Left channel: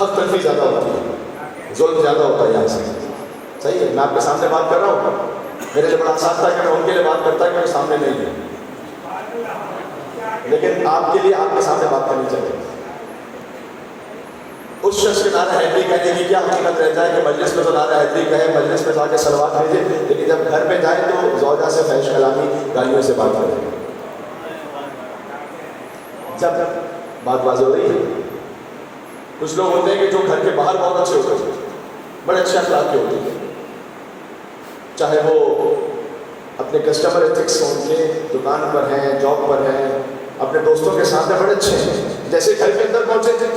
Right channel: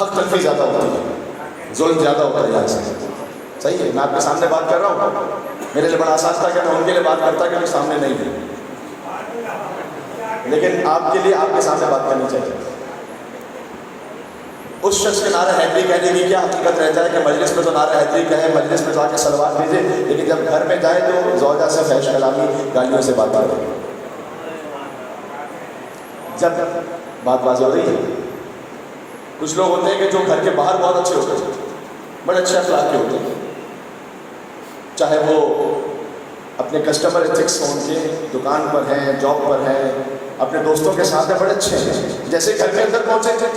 حق تلفی زیادہ ہوتی ہے، ظلم زیادہ ہوتا ہے یہاں سے. صحیح ہے، میں آپ کے سامنے بات کر رہا ہوں، میرے لیے بڑا آسان تھا کہ میں ان کے لیے بات کرتا کہ وہ سامنے نہیں ہے، لیکن آپ کے لیے آپ کے سامنے بات کرنی چاہیے. اس شخص کے نعرہ حیدری کہنے کی کیا حقیقت رہ جائے کہ مجلس میں تو نعرہ حیدری کہے، مجلس میں جا کے صلوات بھیجے، لیکن جب گھر پہ جائے تو زوجہ سے فحش کلامی گالیوں سے بات کرے. جب بات واضح ہو رہی ہے. کچھ لوگ ہوتے ہیں کہ جو گھر کے باہر بہت اچھے ہوتے ہیں، بڑے اچھے اخلاق کے ہوتے ہیں، چاہے وہ اپنے کسٹمر ایتھکس ان کے دکان پر ہیں، جاب پر ہیں، اپنے دوستوں کے ساتھ بڑے اچھے ہیں. جیسے گھر کے اندر پہنچے تھے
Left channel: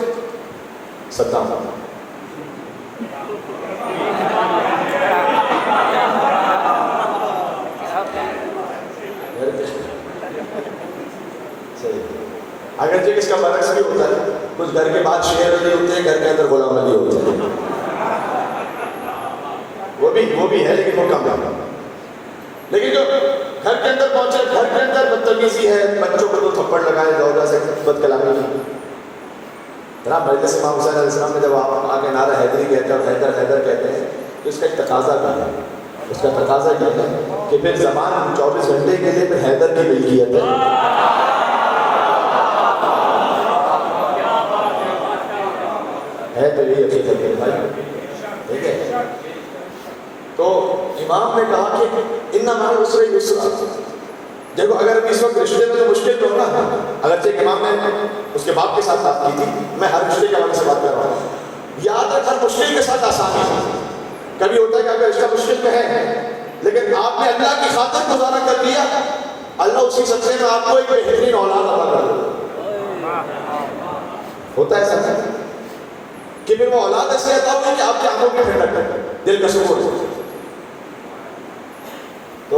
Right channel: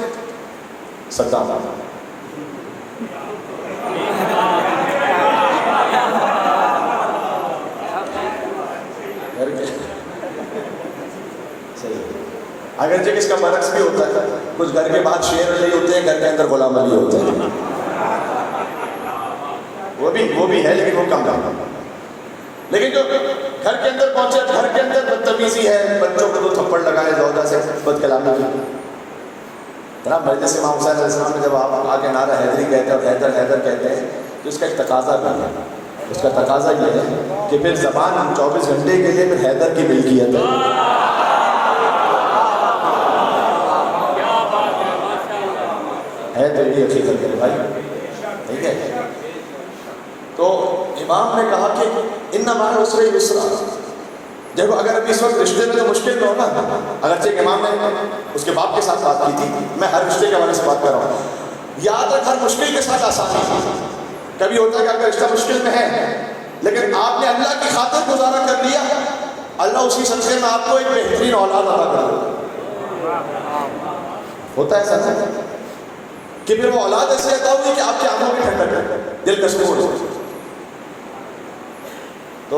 صدام اگرچہ اس کا برعکس بھی ہوتا ہے، کچھ گھر کے بعد شیر علی ہوتے ہیں، گھر کے اندر غلام علی ہوتے ہیں، وہ بھی ہے لیکن وہ کم ہے. لیکن جو گھر کے اندر پہنچے، گھر کے اندر بدتمیزی ہے، بچوں کو تو تھپڑ لگائے زوجہ سے بد کلامی کی. جناب مجلس امام حسین علیہ السلام میں جب آپ آگے نعرہ حیدری کہتے ہیں اور حیدر حیدر کہتے ہیں تو اس کا ایک تقاضا بھی ہے. اس کا تقاضا یہ ہے کہ پھر زبان 24 گھنٹے کے لیے پھر حیدر کی ملکیت ہے تو یہی حقیقت ہے بھائی. ٹھیک ہے، تو امام نے کہا کہ ان مع العسر یسرا. دیکھو اگر اس وقت رشتے میں تو مشکل تو ہونا، اگرچہ امام نے اس کے باپ کے ساتھ بات کی تھی، میں ہر رشتے کے حوالے سے بات کر رہا ہوں. یاد رکھ ہر مشکل کے ساتھ آسانی ہے. کبھی ہوتا ہے کہ اگر رشتہ مشکل میں ہے لیکن آپ نے اللہ کی خاطر گزارا کر دیا، اللہ اسی سلسلے میں آپ کو ایک بہترین اولاد عطا کر دے. ہوتا ہے سر کہ پھر وہ اولاد ایسے عطا ہوئی کہ آپ کے آنکھوں کی ٹھنڈک ہے، دل کا سکون ہے. تو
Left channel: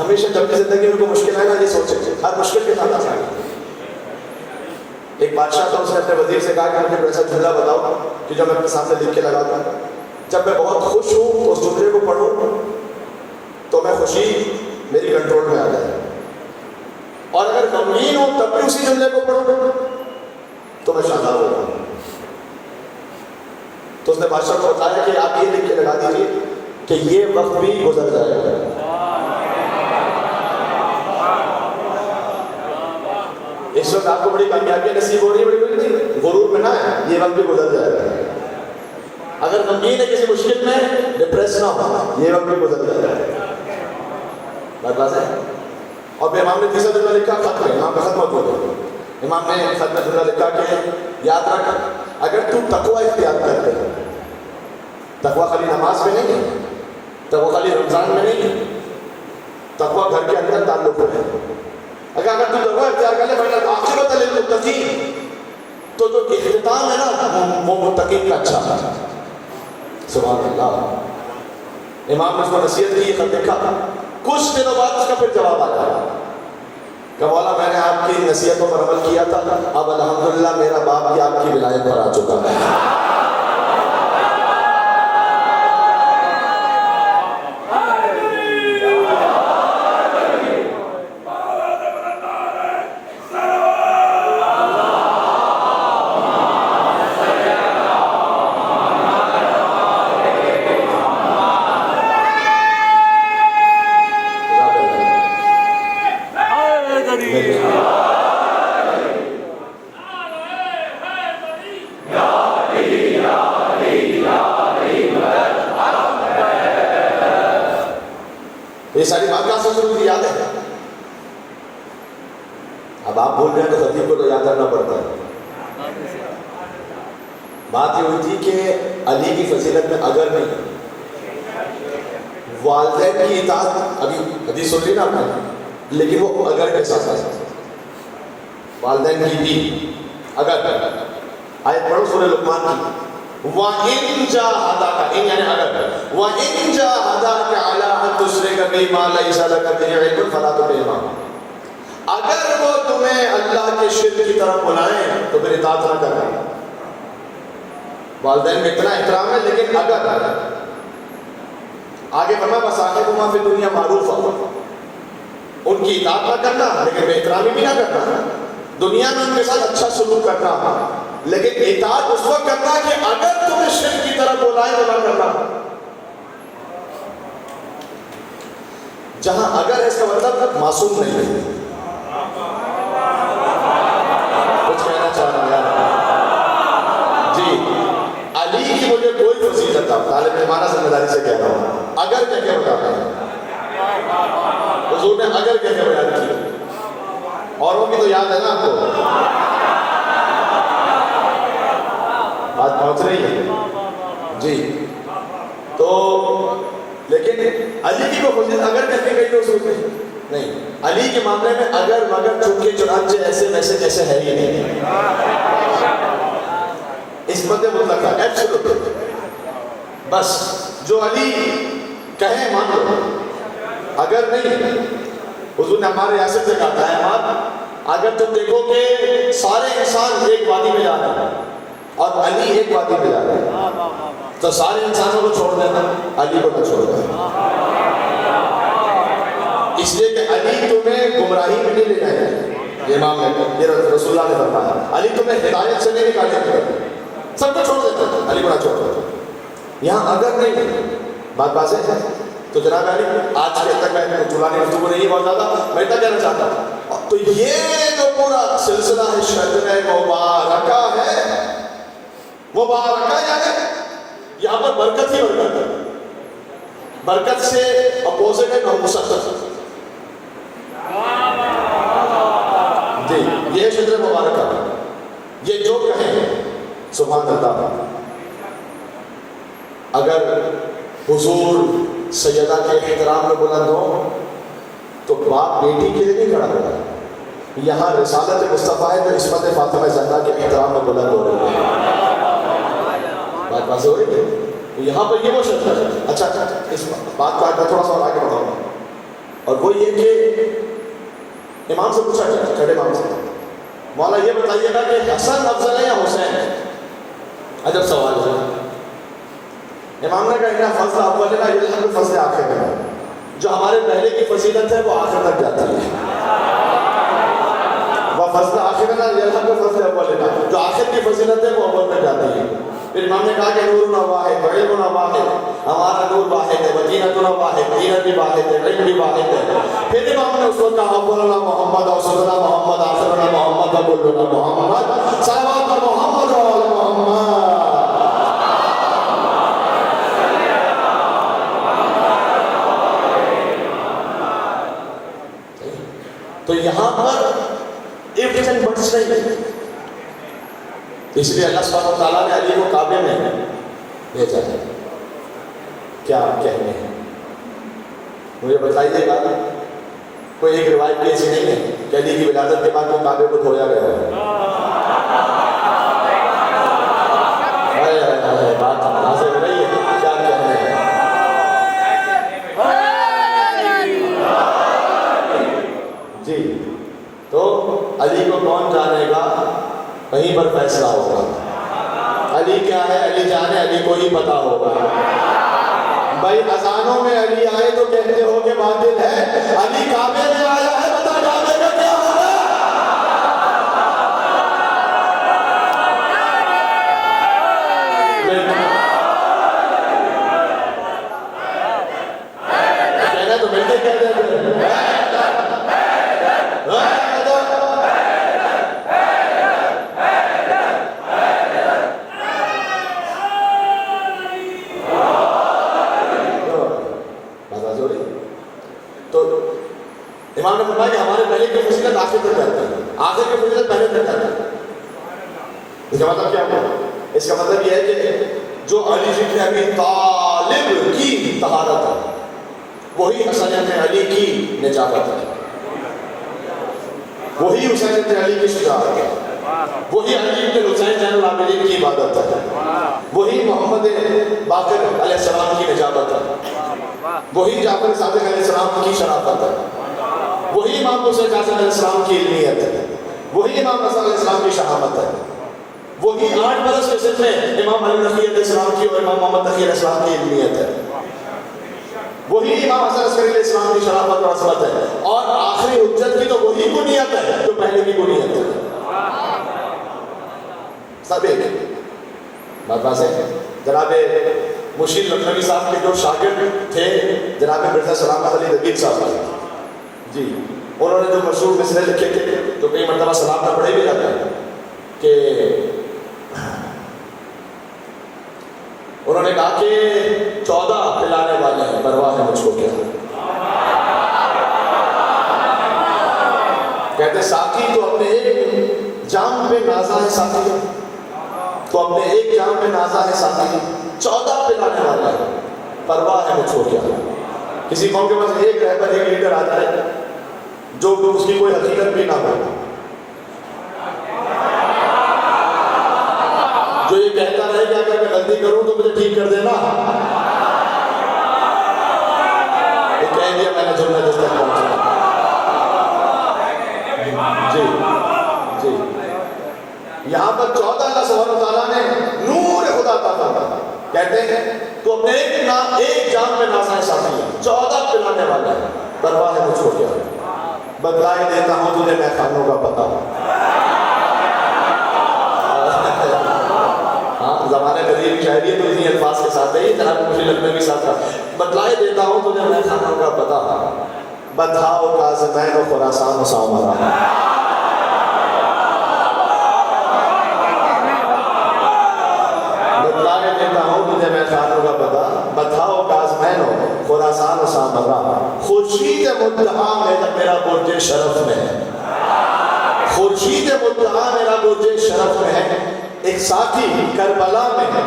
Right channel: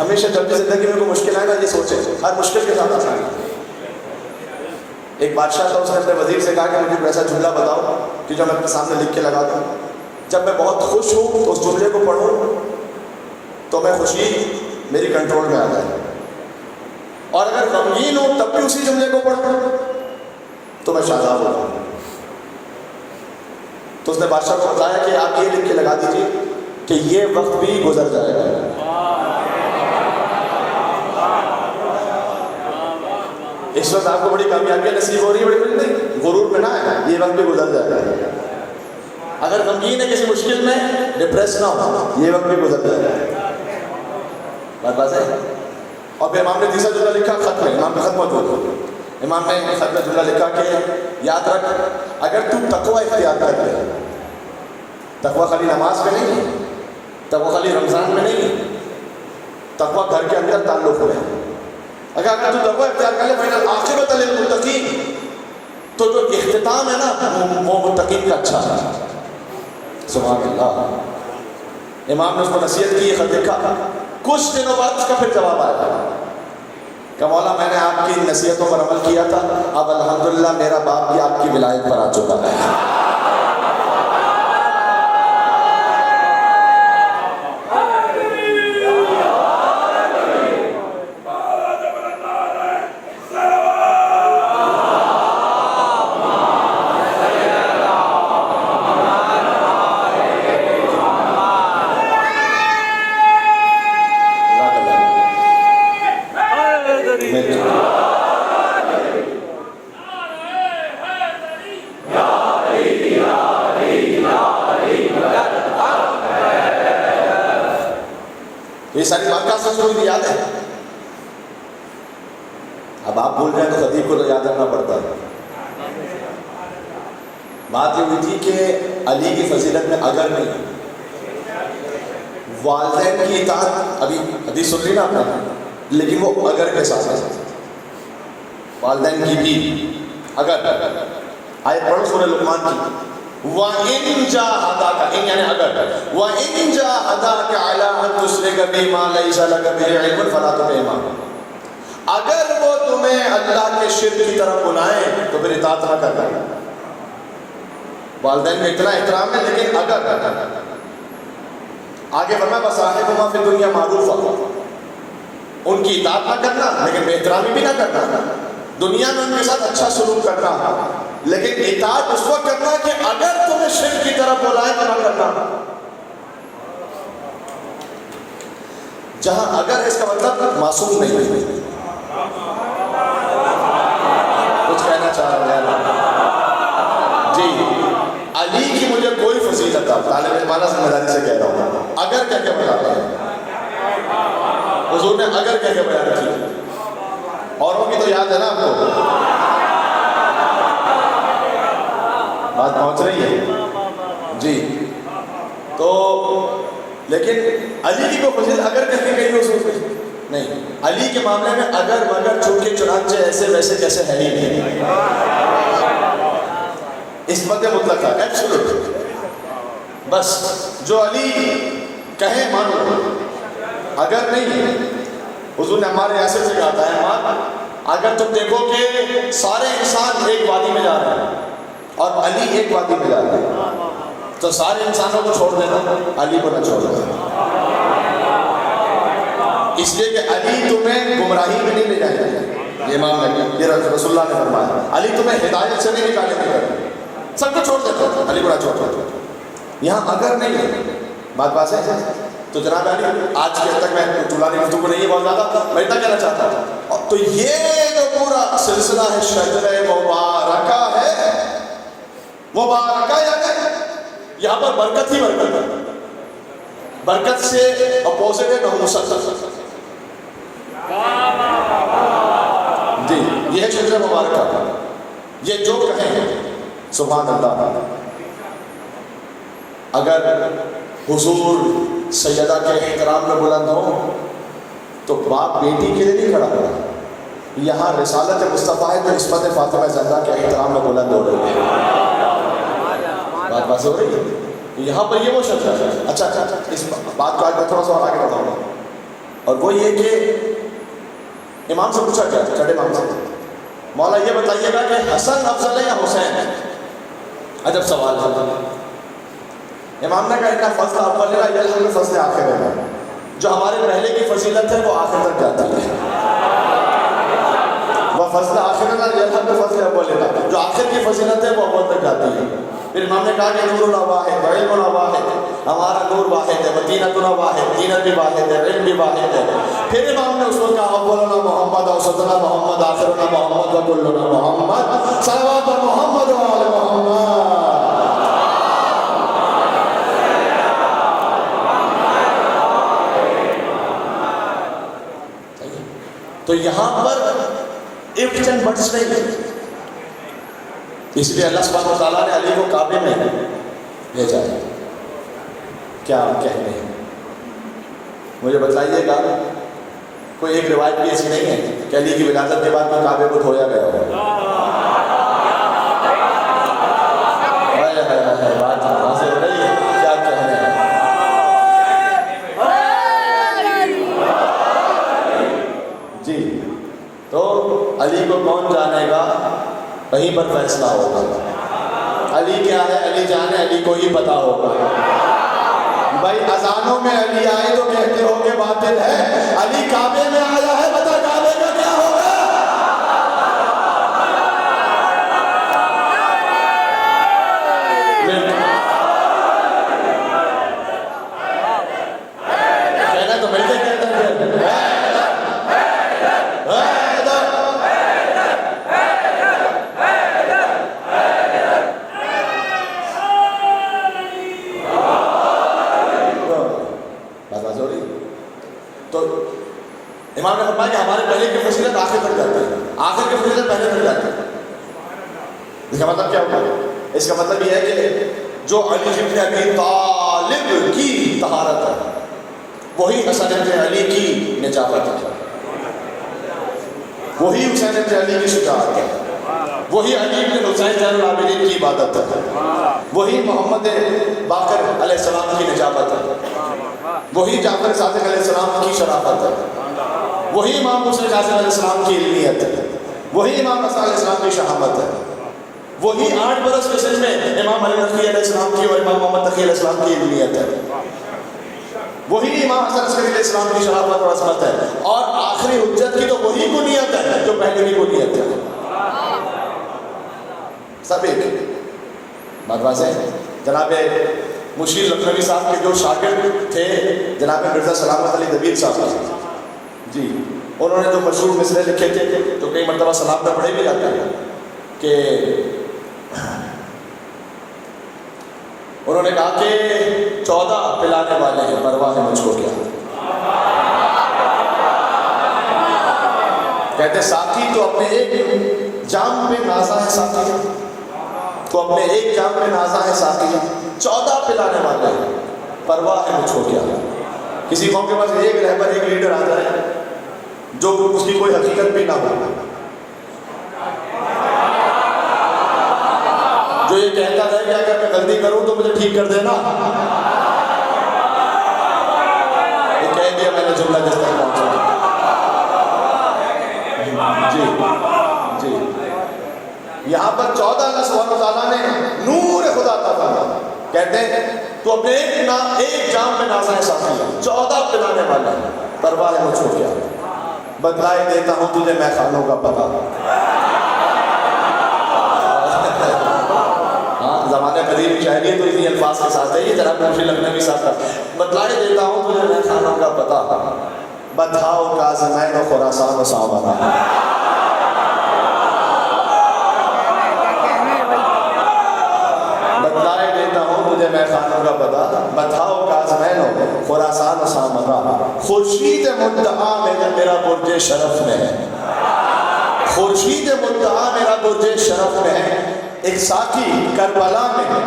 ہمیشہ جب بھی زندگی میں کوئی مشکل آئے نا یہ سوچے ہر مشکل کے ساتھ آسانی. ایک بادشاہ تھا، اس نے اپنے وزیر سے کہا کہ مجھے ایسا جملہ بتاؤ کہ جو میں اپنے سامنے لکھ کے لگا دوں، جب میں بہت خوش ہوں تو اس جملے کو پڑھوں تو میں خوشی میری کنٹرول میں آ جائے، اور اگر غمگین ہوں تب بھی اسی جملے کو پڑھوں تو میں شاداب ہو جاؤں. تو اس نے بادشاہ کو بتایا کہ آپ یہ لکھ کے لگا دیجیے کہ یہ وقت بھی گزر جائے گا. اس وقت آپ کو بڑی کامیابی نصیب ہو رہی ہے، بڑی نہیں، غرور میں نہ ہے، یہ وقت بھی گزر جائے گا. اگر غمگین ہے کسی مشکل میں ڈپریس نہ ہو، یہ وقت بھی گزر جائے گا. بات ہے. اور پھر امام نے تیسرا جملہ لکھا خط میں، امام کا خط موجود ہے. امام نے خط میں جملہ لکھا کہ یاد رکھ اگر تو تقوی اختیار کر لے، تقوی خالی نماز میں نہیں ہے، تقوی خالی رمضان میں نہیں ہے، تقوی گھر کے اندر تعلق ہے. اگر تو تقوی اختیار کر لے فإن العاقبۃ للمتقین، تو جو اختتام ہے نا وہ متقین کا اچھا ہے. سبحان اللہ. امام نے اس کو نصیحت کی، خط لکھا، کچھ دنوں بعد اس کا پھر جواب آیا کہ مولا میں نے آپ کی نصیحتوں پر عمل کیا تھا، اب الحمدللہ میرا باپ بھی آپ کی ولایت پر آ چکا ہے. یہ ساری بات کا سب مجھے یاد ہے. اب آپ بول رہے ہیں تو خطیب کو تو یاد رکھنا پڑتا ہے. بات یہ ہوئی تھی کہ علی کی فضیلت میں اگر نہیں، والدین کی اطاعت، ابھی حدیث سن رہی نا آپ نے، لیکن وہ اگر کے ساتھ ہے. والدین کی بھی اگر آئے پڑھو سورہ لقمان کی، وَإِن جَاهَدَاكَ، ان یعنی اگر، وَإِن جَاهَدَاكَ عَلَىٰ أَن تُشْرِكَ بِي مَا لَيْسَ لَكَ بِهِ عِلْمٌ فَلَا تُطِعْهُمَا. اگر وہ تمہیں اللہ کے شرک کی طرف بلائیں تو پھر اطاعت نہ کرنا. والدین میں اتنا احترام ہے، لیکن اگر آگے فرمایا وَصَاحِبْهُمَا فِي الدُّنْيَا مَعْرُوفًا، ان کی اطاعت نہ کرنا لیکن بے احترامی بھی نہ کرنا، دنیا میں ان کے ساتھ اچھا سلوک کرنا. لیکن اطاعت اس وقت کرنا کہ اگر تمہیں شرک کی طرف بلائیں تو نہ کرنا. جہاں اگر اس کا مطلب معصوم نہیں ہے. کچھ کہنا چاہ رہا ہوں جی. علی کی مجھے کوئی فضیلت تھا، طالب علمانہ ذمہ داری سے کہہ رہا ہوں. اگر کہہ کے بتا رہے ہیں حضور نے اگر کہہ کے بیان کی. اوروں کی تو یاد ہے نا آپ کو، بات پہنچ رہی ہے جی. تو لیکن علی کی کوئی فضیلت اگر کہہ کے کہیں حضور نہیں. علی کے معاملے میں اگر مگر چونکہ چنانچہ ایسے ویسے جیسے ہے ہی نہیں. اس مدے مطلق ہے ایبسولوٹ. بس جو علی کہیں مان لو، اگر نہیں. حضور نے ہمارے ریاست سے کہا تھا احمد اگر تم دیکھو کہ سارے انسان ایک وادی میں جا رہے ہیں اور علی ایک وادی میں جا رہے ہیں تو سارے انسانوں کو چھوڑ دینا، علی کو نہ چھوڑنا. اس لیے کہ علی تمہیں گمراہی میں نہیں لے جائے گا. یہ امام نے رسول اللہ نے فرمایا علی تمہیں ہدایت سے نہیں نکالے گا. سب کو چھوڑ دیتا ہے، علی کو نہ چھوڑ دیتا. یہاں اگر نہیں ہے بات ہے. تو جناب علی آج کے تک میں طولانی گفتگو نہیں بہت زیادہ میں اتنا کہنا چاہتا ہوں. تو یہ جو پورا سلسلہ ہے شجرہ مبارکہ ہے، مبارکہ یعنی یہاں پر برکت ہی برکت ہے. برکت سے اپوزٹ ہے نحوست جی. یہ ہے شجرہ مبارکہ. یہ جو کہیں سبحان اللہ. اگر حضور سیدہ کے احترام میں بلند ہو تو باپ بیٹی کے لیے نہیں کھڑا ہوا. یہاں رسالت مصطفیٰ ہے جو عصمت فاطمہ زہرا کے احترام میں بلند ہو رہی ہے. بات واضح ہو رہی ہے. یہاں پر یہ وہ شخص ہے. اچھا اس بات کو آگے تھوڑا سا اور آگے بڑھاؤں گا. اور وہ یہ کہ امام سے پوچھا گیا کھڑے امام سے مولا یہ بتائیے گا کہ حسن افضل ہے یا حسین ہے؟ عجب سوال ہے. امام نے کہا فضل اول ہے یا فضل آخر ہے. جو ہمارے پہلے کی فضیلت ہے وہ آخر تک جاتی ہے. وہ فضل آخر ہے یا فضل اول ہے. جو آخر کی فضیلت ہے وہ اول تک جاتی ہے. پھر امام نے کہا کہ نورنا واحد، علمنا واحد. ہمارا نور واحد ہے، دینتنا واحد، دینت بھی واحد ہے، علم بھی واحد ہے. پھر امام نے اس کو کہا اولنا محمد، اوسطنا محمد، آخرنا محمد، وکلنا محمد. صلوات محمد و آل محمد. تو یہاں پر ifs and buts نہیں ہے. اس لیے اللہ سبحانہ و تعالیٰ نے علی کو کعبے میں بھیجا ہے. کیا کہنے ہیں مجھے بتائیے گا. کوئی ایک روایت بھی ایسی نہیں ہے کہ علی کی ولادت کے بعد میں کعبے کو دھویا گیا ہے. بات حاصل نہیں ہے. کیا کہنے ہیں جی. تو علی کو کون جانے گا، کہیں پر فیصلہ ہوگا. علی کیا ہے علی جانے، علی کو ہی پتا ہوگا. بھائی اذانوں میں علی آئے تو کہتے ہو کہ باطل ہے. علی کعبے میں آیا ہے، بتا کعبے کا کیا ہوگا. کہنا تو مل کے کہتے ہیں امام نے فرمایا کہ ہمارے پہلے کی فضیلت آخر تک جاتی ہے، آخر کی فضیلت پہلے تک جاتی ہے. اس کا مطلب کیا ہوا؟ اس کا مطلب یہ ہے کہ جو علی بن ابی طالب کی طہارت ہے وہی حسن بن علی کی نجابت ہے، وہی حسین بن علی کی شجاعت ہے، وہی علی بن حسین زین العابدین کی عبادت ہے، وہی محمد باقر علیہ السلام کی نجابت ہے، وہی جعفر صادق علیہ السلام کی شرافت ہے، وہی امام حسین قاسم علیہ السلام کی علمیت ہے، وہی امام رضا علیہ السلام کی شہامت ہے، وہی 8 برس کے سن میں امام علی نقی علیہ السلام کی اور امام محمد تقی علیہ السلام کی علمیت ہے، وہی امام حسن عسکری علیہ السلام کی شرافت اور عظمت ہے، اور آخری حجت کی تو وہی بنیت ہے جو پہلے کی بنیت ہے. سب ایک بات واضح ہے. جناب مشیر لکھنوی صاحب کے جو شاگرد تھے جناب مرزا سلامت علی دبیر صاحب جی، انہوں نے جو مشہور مصرے لکھے تھے تو کئی مرتبہ سلام کا پڑھے بھی جاتے ہیں کہ انہوں نے کہا کہ 14 پلانے والے ہیں پرواہ ہے مجھ کو کیا. کہتے ساقی تو اپنے ایک جام پہ نازا ہے ساقی، تو اپنے ایک جام پہ نازا ہے ساقی، 14 پلانے والے ہیں پرواہ ہے مجھ کو کیا. کسی قوم کے پاس ایک رہبر ایک لیڈر آ جائے جو اس کی کوئی حقیقت بھی نہ ہو، جو یہ کہتا رہے کہ اگر میں غلطی کروں تو مجھے ٹھیک کر دینا، یہ کہہ دیا میں نے جملہ جس تک پہنچا. جی جی یہاں پر 14 اللہ سبحانہ وتعالیٰ نے نور خدا عطا فرمایا. کہتے ہیں تو اپنے ایک جام میں نازا ہے ساقی، 14 پلانے والے ہیں پرواہ ہے مجھ کو کیا. بتلائے دیتا ہوں تجھے میں خانوں کا پتہ. ہاں زمانہ قدیم کی شاعری ہے تو اسی الفاظ کے ساتھ ہے یہ جناب مشیر لکھنوی صاحب کا. بتلائے دیتا ہوں تجھے میں خانوں کا پتہ، بدھاؤ کاظمین و خراسان و سامرا. بتلائے دیتا ہوں تجھے میں خانوں کا پتہ، بدھاؤ کاظمین و خراسان و سامرا. خورشید مدعا میرا برج شرف میں ہے، خورشید مدعا میرا برج شرف میں ہے. ایک ساقی کربلا میں ہے،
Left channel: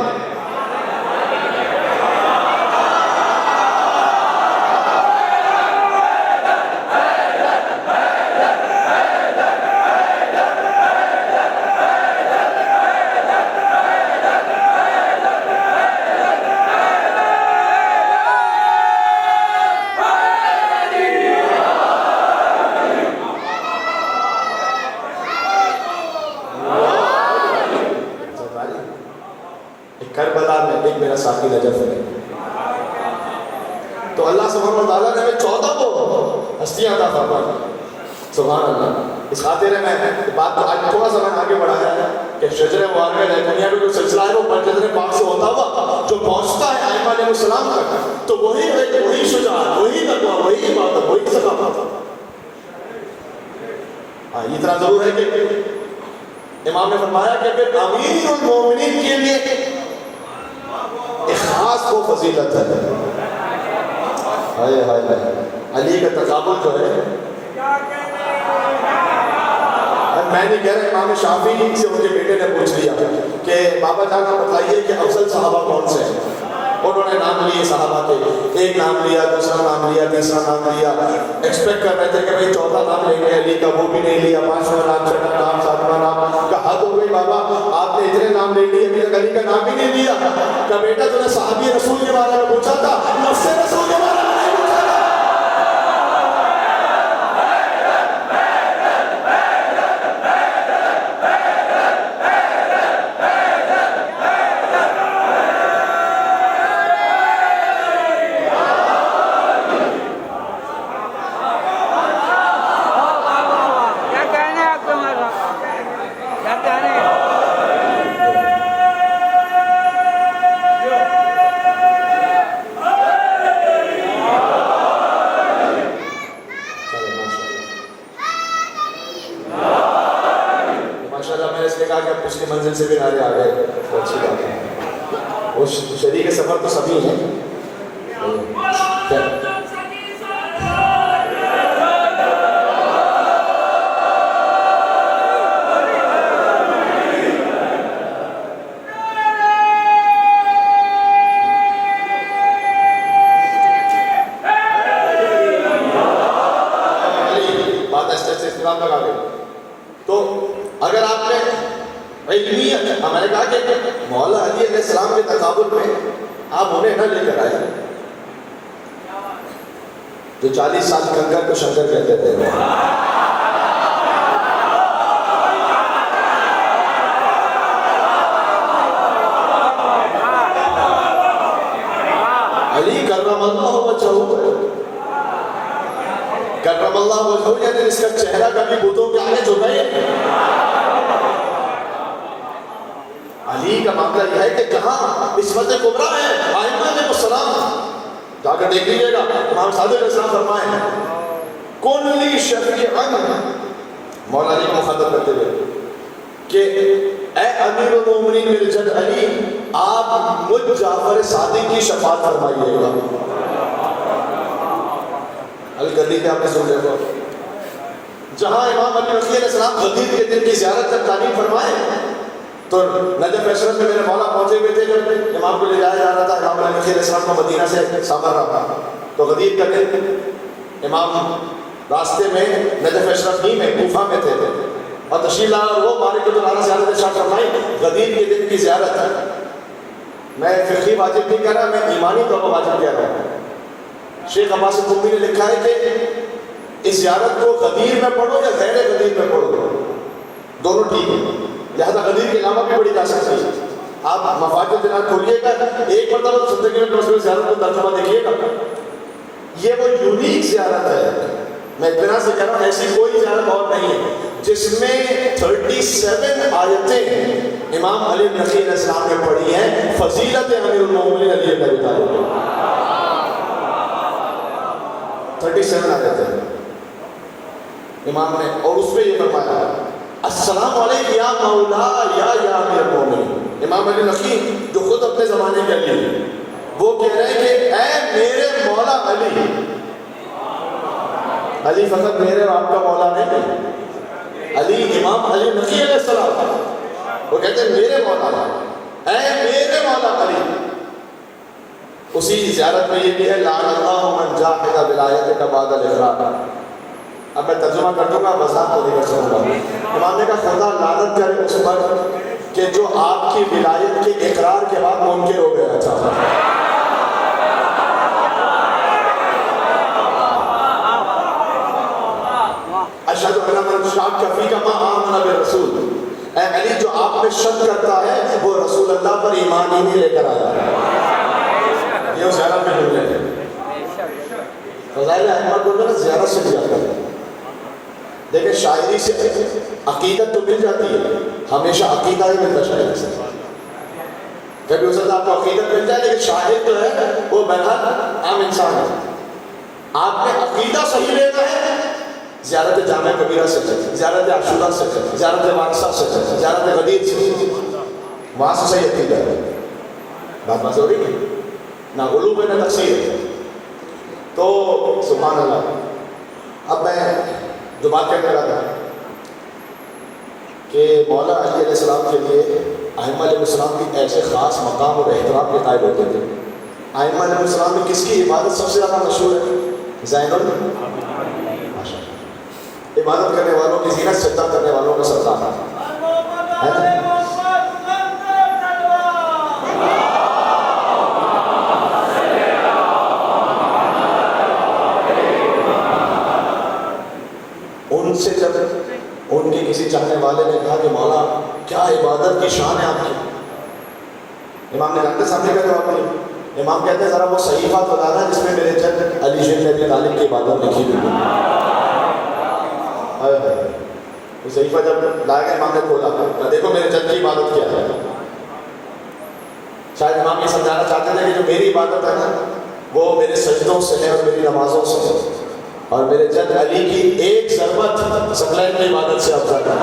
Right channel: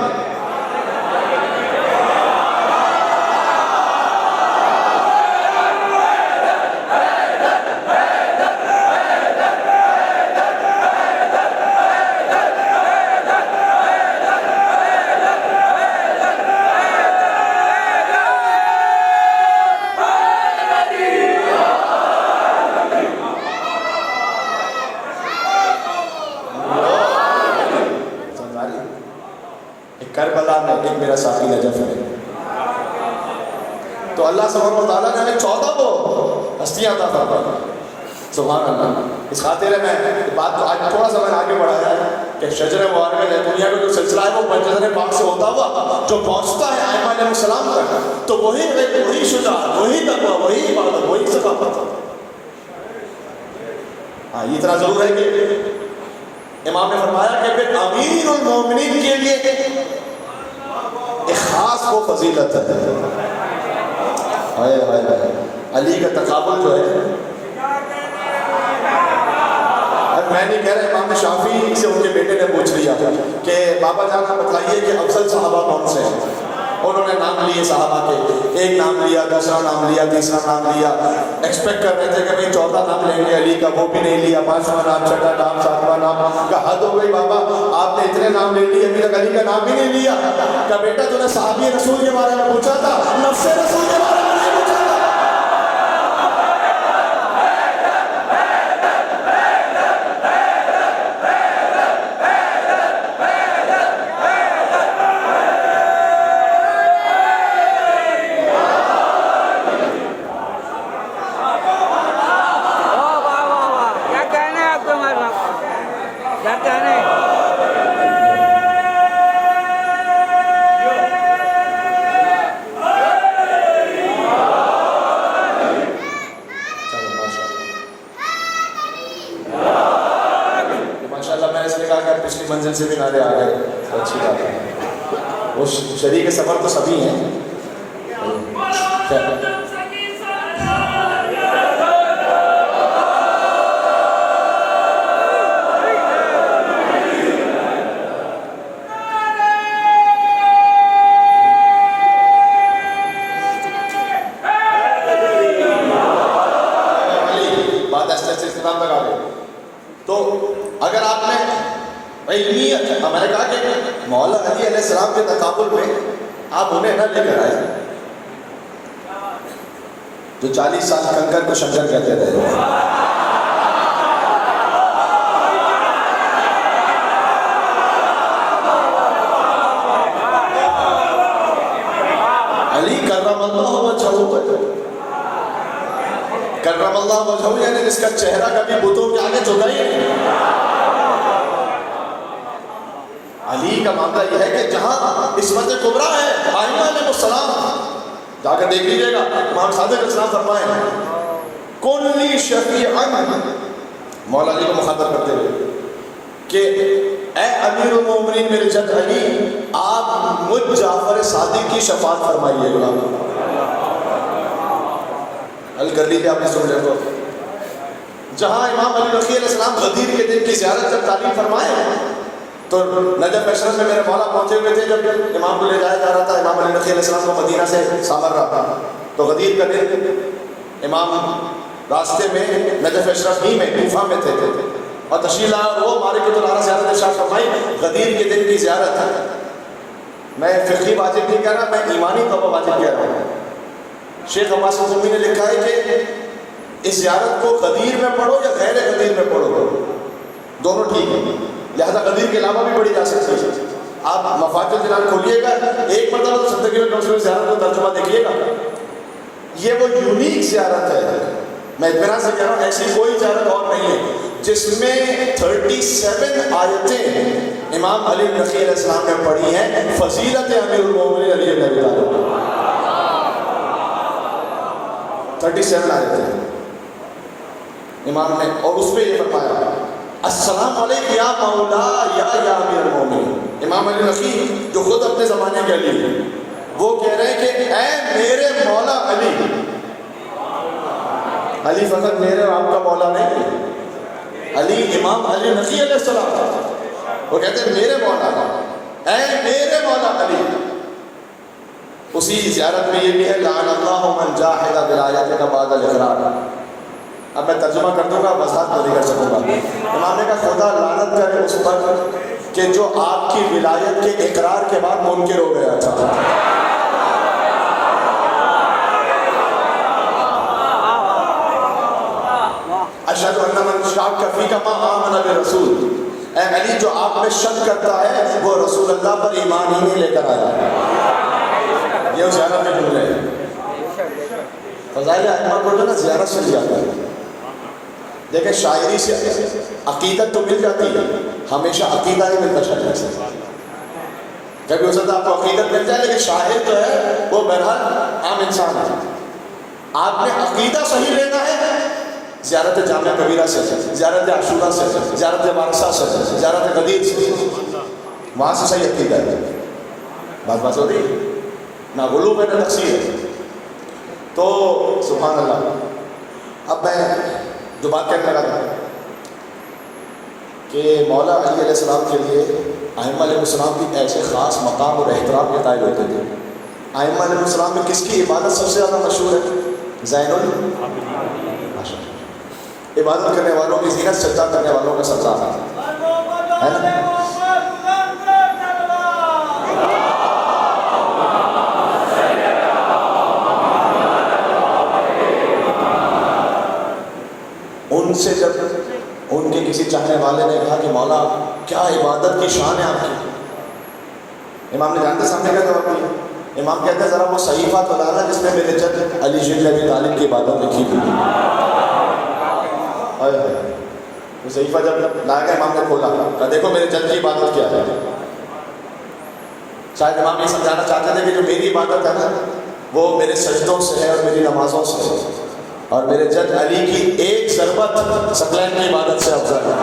کربلا میں ایک میرا ساقی نجف ہے. تو اللہ سبحانہ وتعالیٰ نے ہمیں 14 کو ہستیاں عطا فرمائی. سبحان اللہ. اس خاطر میں بات کو آج تھوڑا سا میں آگے بڑھایا ہے کہ شجر مبارک دنیا میں جو سلسلہ ہے وہ منجر پاک سے ہوتا ہوا جو پہنچتا ہے ائمہ علیہ السلام تک، تو وہی شجاعت، وہی تقویٰ، وہی عبادت، وہی ثقافت. ہاں یہ اتنا ضرور ہے کہ امام نے فرمایا کہ پھر امیر المومنین کے لیے اخلاص کو فضیلت ہے. علی کا تقابل جو ہے، میں نہیں کہہ رہا، امام شافعی سے ان کے بیٹے نے پوچھ لیا کہ بابا جان آپ بتائیے کہ افضل صحابہ کون سے ہیں. انہوں نے نام لیے صحابہ کے، ایک نام لیا، دوسرا نام لیا، تیسرا نام لیا. ایکسپیکٹ کر رہے تھے کہ بھائی 14 نام لیں گے علی کا، وہ بھی نہیں لیا. 5واں نام، 6واں نام، 7واں نام. کہا حد ہو گئی بابا، آپ نے اتنے نام لے لیے، ابھی تک علی کا نام بھی نہیں لیا. کہ بیٹا تو نے صحابی رسول کے بارے میں پوچھا تھا، نفس رسول کے بارے میں نہیں پوچھا تھا. پچھلی منزل سے بھی نعرے آ گئے، اچھی بات ہے. وہ شریک سفر تو سبھی ہیں. بات ایسے سے اختلاف لگا گئے. تو اگر آپ نے علمیت، میں نے کہا کہ مولا علی علیہ السلام کے تقابل میں آپ انہیں نہ لے کر آئے جو 40 سال کنکر کو شنکر کہتے تھے. علی کرم اللہ وجہہ، کرم اللہ وجہہ یعنی جس کا چہرہ کبھی بتوں کے آگے جھکا ہی نہیں. علی کا معاملہ یہ ہے کہ جہاں عصمت کبریٰ ہے ائمہ علیہ السلام جا کر دیکھ لیجیے گا امام صادق علیہ السلام فرمائے کن لی شفیعا مولا علی کا مخاطب کرتے ہوئے کہ اے امیر المومنین میرے جد علی آپ مجھ جعفر صادق کی شفاعت فرمائیے گا. حل کر لیجیے آپ نے سن رہے ہو جہاں امام علی رضی علیہ السلام غدیر کے دن کی زیارت کر تعلیم فرمائے تو نجف اشرف میں میرے مولا پہنچے ہوئے تھے جب امام کو لے جایا جا رہا تھا. امام علی رضی علیہ السلام کو مدینہ سے سامر رہا تھا تو غدیر کا دن امام راستے میں نجف اشرف ہی میں کوفہ میں تھے اور تشریف لایا وہ مالک العرا زیارت ارشاد فرمائی غدیر کے دن کی زیارت ہے. میں فقہی واجب نہیں کہہ رہا میں ایمانی طور پر واجب کہہ رہا ہوں. شیخ عباس قمی نے لکھا ہے کہ اس زیارت کو غدیر میں پڑھو یا غیر غدیر میں پڑھو دونوں ٹھیک ہے. لہذا غدیر کے علاوہ بھی بڑی جا سکتی ہے. آپ مفاد الجنان کھولیے گا ایک مرتبہ زندگی میں کم زیارت کو ترجمہ دیکھیے گا. یہ وہ یونیک زیارت ہے. میں اطمینان سے کہہ رہا ہوں ایسی کوئی زیارت اور نہیں ہے جس میں 37 آیتیں امام علی رضی علیہ السلام نے پڑھی ہیں فضیلت امیر المومنین علی بن ابی طالب. 37 آیتیں امام نے اور اس پہ یہ فرمایا السلام علیکم یا مولا یا امیر المومنین. امام علی رضی جو خود اپنے زمانے کے علی وہ کہہ رہے ہیں کہ اے میرے مولا علی. علی فقط میرے آپ کا مولا نہیں علی امام علی رضی علیہ السلام وہ کہتے ہیں میرے مولا اے میرے مولا علی. اسی زیارت میں یہ بھی ہے لعن اللہ من جاحد ولایتک بعد الاقرار. اب میں ترجمہ کر دوں گا وضاحت نہیں کر سکوں گا. امام نے کہا خدا لعنت کرے اس پر کہ جو آپ کی ولایت کے اقرار کے بعد منکر ہو گیا تھا. اشہد ان من شک فیک ما آمن برسول. اے علی جو آپ میں شک کرتا ہے وہ رسول اللہ پر ایمان ہی نہیں لے کر آیا. یہ زیارت میں بول رہے ہیں فضائل ائمہ کو نا زیارت سے جاتا ہے. دیکھیں شاعری سے عقیدت تو مل جاتی ہے ہمیشہ عقیدہ ہی ملتا شاعری سے. کبھی ہو سکتا ہے آپ کو عقیدت مل جائے لیکن شاعر جو ہے وہ بہرحال عام انسان ہے. آپ نے عقیدہ صحیح لینا ہے زیارت جامعہ کبیرہ سے زیارت عاشورہ سے زیارت واقصہ سے زیارت غدیر سے وہاں سے صحیح عقیدہ ہے. بات ہو رہی نہ غلو میں نہ تقصیر. تو سبحان اللہ. اب میں جو بات کہنے لگا تھا کہ مولا علی علیہ السلام کے لیے ائمہ علیہ السلام کی ایسے خاص مقام اور احترام کے قائل ہوتے تھے. ائمہ علیہ السلام میں کس کی عبادت سب سے زیادہ مشہور ہے؟ زین العابدین. عبادت کرنے والوں کی زینت سجدہ کرنے والوں کا سردار ہے. ان سے جب ان کی کسی چاہنے والے نے کہا کہ مولا کیا عبادت کی شان ہے آپ کی. امام نے جانتے سامنے گئے تو اپنی امام کہتے ہیں ذرا وہ صحیفہ تو لانا جس میں میرے جد علی بن ابی طالب کی عبادت لکھی ہوئی ہے. وہ صحیفہ جب لا گیا امام نے کھولا کہا دیکھو میرے جد کی عبادت کیا ہے. شاید امام یہ سمجھانا چاہتے تھے کہ جو میری عبادت ہے نا وہ میرے سجدوں سے ہے میری نمازوں سے ہے اور میرے جد علی کی ایک ضربت ثقلین کی عبادت سے افضل ہے.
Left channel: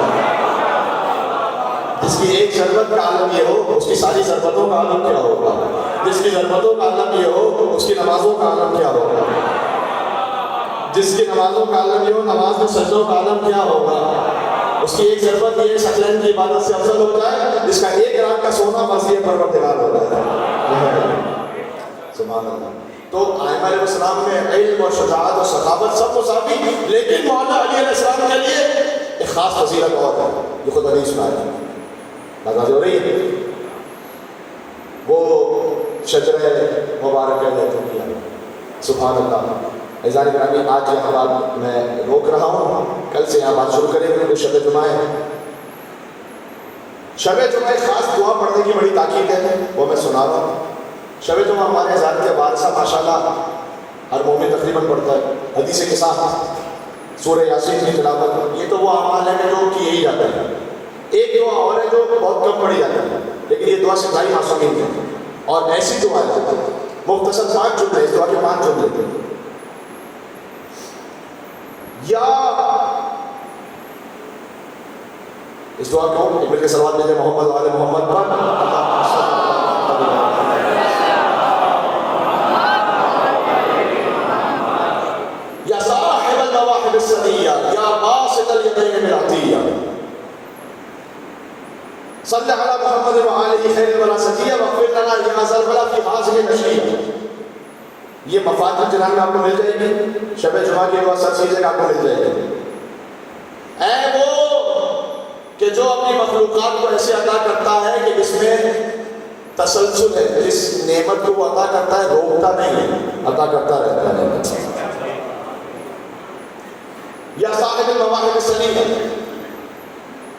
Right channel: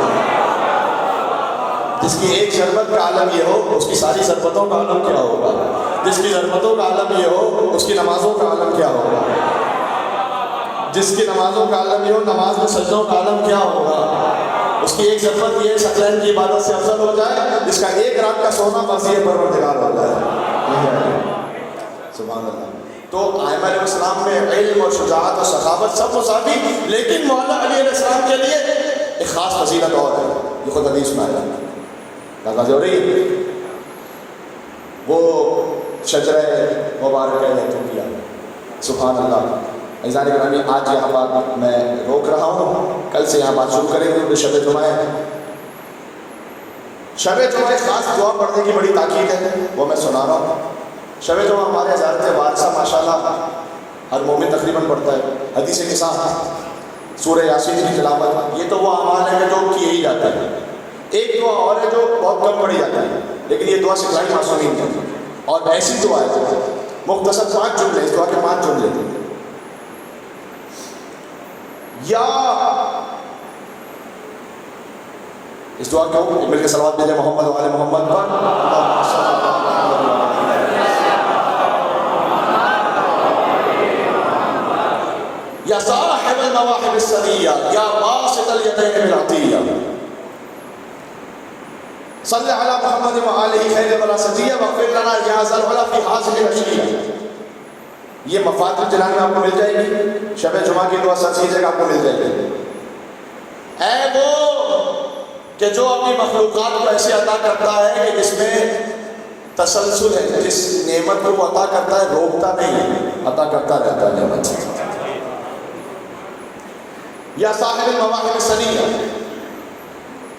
جس کی ایک ضربت کا عالم یہ ہو اس کی ساری ضربتوں کا عالم کیا ہوگا. جس کی ضربتوں کا عالم یہ ہو اس کی نمازوں کا عالم کیا ہوگا. جس کی نمازوں کا عالم یہ ہو نماز میں سجدوں کا عالم کیا ہوگا. اس کی ایک ضربت یہ ثقلین کی عبادت سے افضل ہو جائے جس کا 1 گرام کا سونا وزیر پروردگار ہوتا ہے. سبحان اللہ. تو ائمہ علیہ السلام میں علم اور شجاعت اور سخاوت سب مساوی لیکن مولا علی علیہ السلام کے لیے ایک خاص فضیلت اور ہے. یہ خود حدیث میں آیا بات ہو رہی ہے. وہ شجرہ مبارکہ نے تو کیا. سبحان اللہ. عزیزان گرامی آج یہاں بات میں روک رہا ہوں کل سے یہاں بات شروع کریں گے کیونکہ شب جمعہ ہے. شب جمعہ خاص دعا پڑھنے کی بڑی تاکید ہے وہ میں سنا رہا ہوں. شب جمعہ ہمارے حضرت وارثہ ماشاءاللہ ہر مومن تقریباً پڑھتا ہے. حدیث کے ساتھ سورہ یاسین کی تلاوت یہ تو وہ اعمال ہے جو کیے ہی جاتے ہیں. ایک دعا اور ہے جو بہت کم پڑھی جاتی ہے لیکن یہ دعا سکھائی معصومین نے، اور ایسی دعا ہے مختصر 5 جملے، اس دعا کے 5 جملے تھے. یا اس دعا کو مل کے صلوات بھیجیں محمد و آل محمد پر. یا صاحب المواہب السنیہ یا باسط الیدین بالعطیہ صلی علی محمد و آلہ خیر البراستیہ واغفر لنا یا ذا الولا فی حاضر العشیہ. یہ مفاتیح الجنان میں آپ کو مل جائے گی، شب جمعہ کی دعا سر سیدھے آپ کو مل جائے گی. اے وہ کہ جو اپنی مخلوقات کو ایسے عطا کرتا ہے کہ جس میں تسلسل ہے، جس نعمت کو وہ عطا کرتا ہے روکتا نہیں ہے، عطا کرتا رہتا ہے. یا صاحب المواہب السنیہ،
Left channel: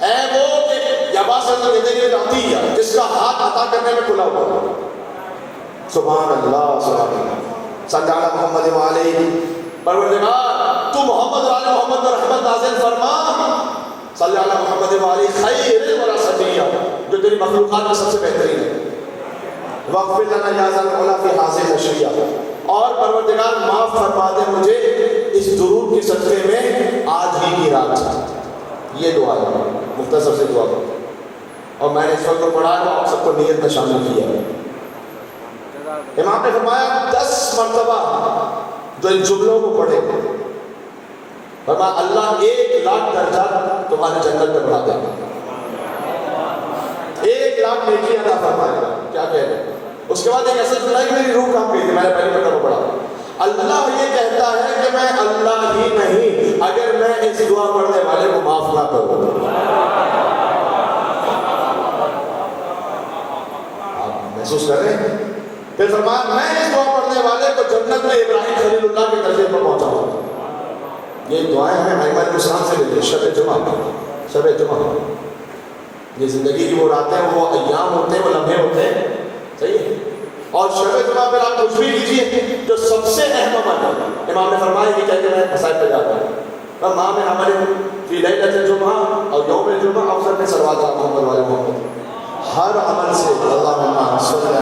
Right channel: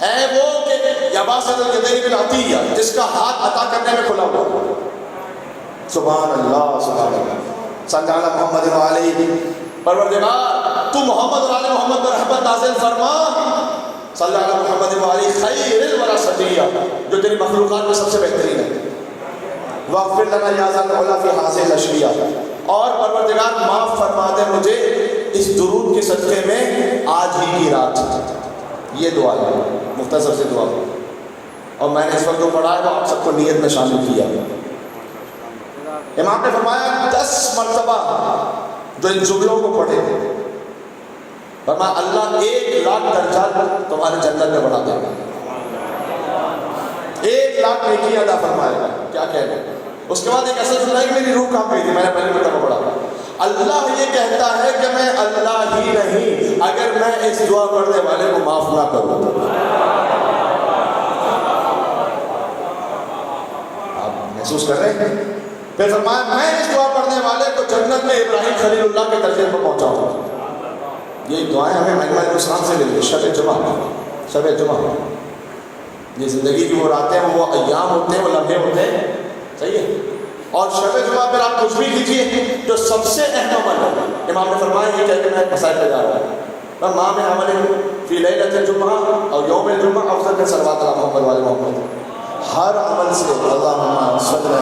اے وہ کہ یا باسط الیدین بالعطیہ، جس کا ہاتھ عطا کرنے میں کھلا ہوا. سبحان اللہ سبحان اللہ. صلی علی محمد و علیہ، پروردگار تو محمد و آل محمد پر رحمت نازل فرما. صلی علی محمد و علیہ خیر البراستیہ، جو تیری مخلوقات میں سب سے بہترین ہے. واغفر لنا یا ذا العلا فی حاضر العشیہ، اور پروردگار معاف فرما دے مجھے اس درود کے صدقے میں آج ہی کی رات. یہ دعا ہے مختصر سے دعا، اور میں نے اس وقت پڑھا ہے تو آپ سب کو نیت میں شامل کیا. امام نے فرمایا 10 مرتبہ جو ان جملوں کو پڑھے، فرمایا اللہ 1,00,000 درجہ تمہارے جنت میں بڑھا دے گا، 1,00,000 نیکی ادا فرمائے گا. کیا کہہ رہے ہیں؟ اس کے بعد ایک اثر سنائی، میری روح کہاں پہ تھی، میں نے پہلے مرتبہ پڑھا. اللہ یہ کہتا ہے کہ میں اللہ ہی نہیں اگر میں اس دعا پڑھنے والے کو معاف نہ کروں. آپ محسوس کر رہے ہیں؟ پھر فرمایا میں اس دعا پڑھنے والے کو جنت میں ابراہیم خلیل اللہ کے درجے پر پہنچاؤں. یہ دعائیں ہمیں مہینہ مسلمان سے لے لیں. شب جمعہ، شب جمعہ یہ زندگی کی وہ راتیں، وہ ایام ہوتے ہیں، وہ لمحے ہوتے ہیں، صحیح ہے. اور شب جمعہ پر آپ کچھ بھی کیجیے جو سب سے اہم عمل ہے. امام نے فرمایا یہ کہہ کے میں مسائل پہ جا رہا ہوں